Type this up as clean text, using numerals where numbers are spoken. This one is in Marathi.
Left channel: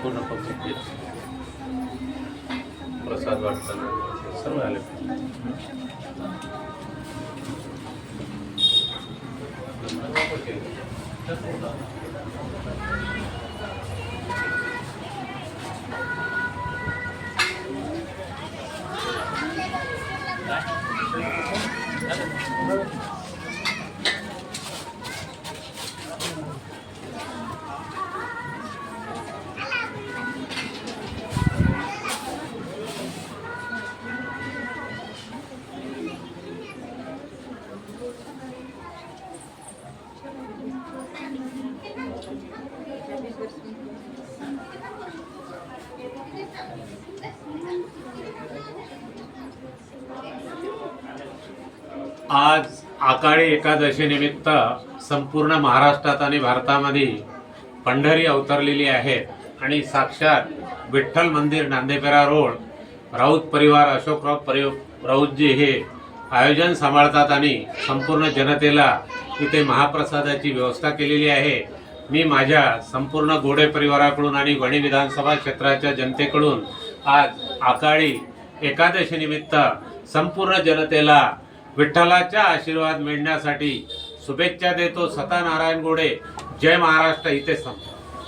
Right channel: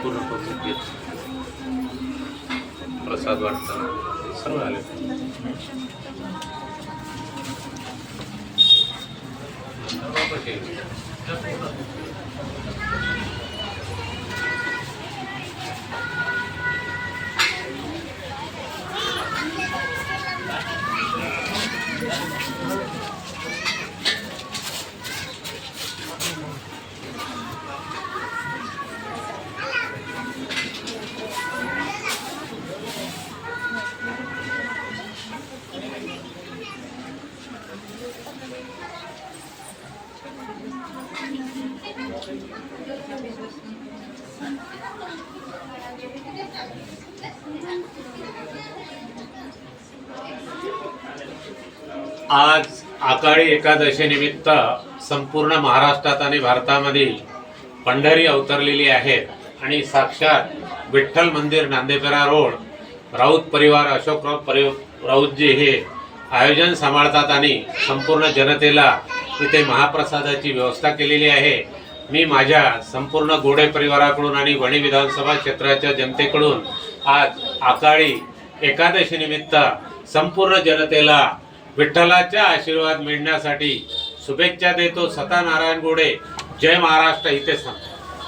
संपूर्ण पब्लिक प्रसाद वाटताना सर्व आले. आज आकाळी एकादशी निमित्त संपूर्ण महाराष्ट्रात आणि भारतामध्ये पंढरी अवतरलेली आहे आणि साक्षात विठ्ठल मंदिर नांदेपेरा रोड राऊत परिवार अशोकराव राऊतजी हे आयोजन सांभाळतात आणि संपूर्ण जनतेला इथे महाप्रसादाची व्यवस्था केलेली आहे. मी माझ्या संपूर्ण गोडे परिवाराकडून आणि वणी विधानसभा क्षेत्राच्या जनतेकडून आज आकाळी एकादशी निमित्त संपूर्ण जनतेला विठ्ठलाचा आशीर्वाद मिळण्यासाठी शुभेच्छा देतो. सता नारायण गोडे, जय महाराष्ट्र. इथे